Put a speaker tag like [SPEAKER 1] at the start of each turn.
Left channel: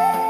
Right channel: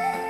[SPEAKER 1] Thank you.